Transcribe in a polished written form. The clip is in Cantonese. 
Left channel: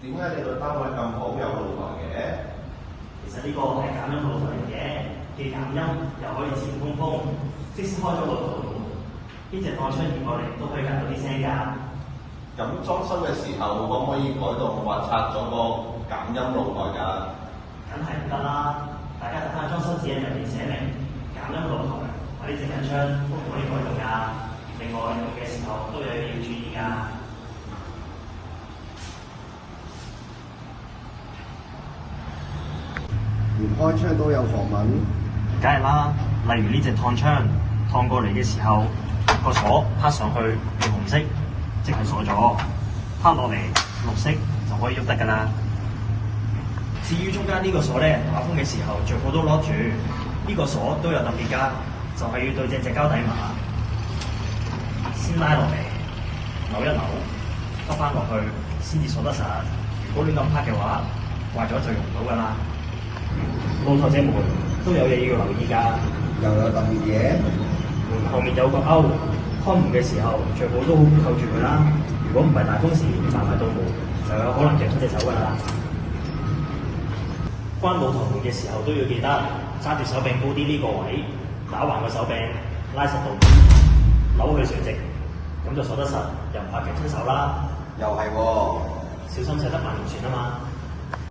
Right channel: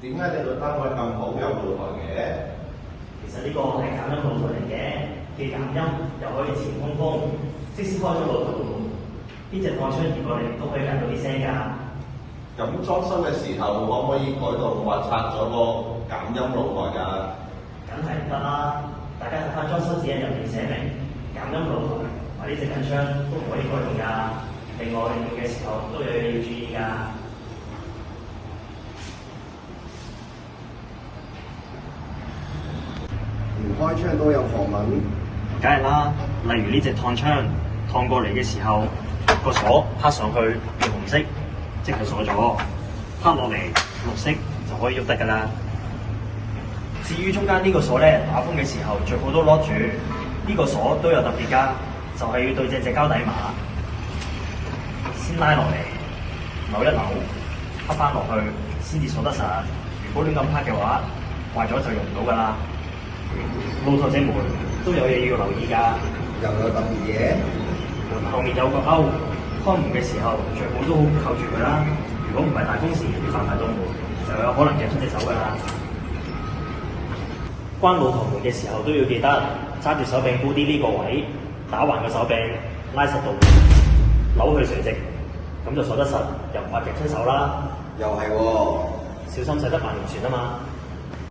點解你覺得佢咁好有腦袋嘅？其實呢個係減音腦嚟嘅，既減音又可以前通風，即使開咗個腦門，呢隻鋼槍移過嚟都可以夾到啲聲㗎。咁裝修嘅時候可唔可以改動或拆咗個減音腦袋㗎？梗係唔得啦！大家睇翻裝修指引入面寫明，減音腦同埋呢隻緊槍都唔可以改動㗎。另外用嘅時候都要你注意㗎。連開槍都有防蚊，梗係啦，例如呢隻燙槍燙過嚟嘅時候，個鎖拍上去要紅色，即係鎖咗；拍落嚟綠色就可以喐得㗎啦。至於中間呢個鎖咧，打風嘅時候最好都 lock 住。呢個鎖都有特別㗎，就係要對正隻膠底碼，先拉落嚟，扭一扭，拍翻落去，先至鎖得實。如果亂咁拍嘅話，壞咗就用唔到㗎啦。老頭仔們都有嘢要留意㗎，又有特別嘢。後面有個勾，開門嘅時候最好都好扣住佢啦。如果唔係大風時撞入到門，就有可能夾出隻手㗎啦。關老頭門嘅時候都要記得揸住手柄高啲呢個位，打橫嘅手柄，拉實到扭佢垂直，咁就鎖得實，又唔怕夾親手啦。又係喎，小心駛得萬年船啊嘛〜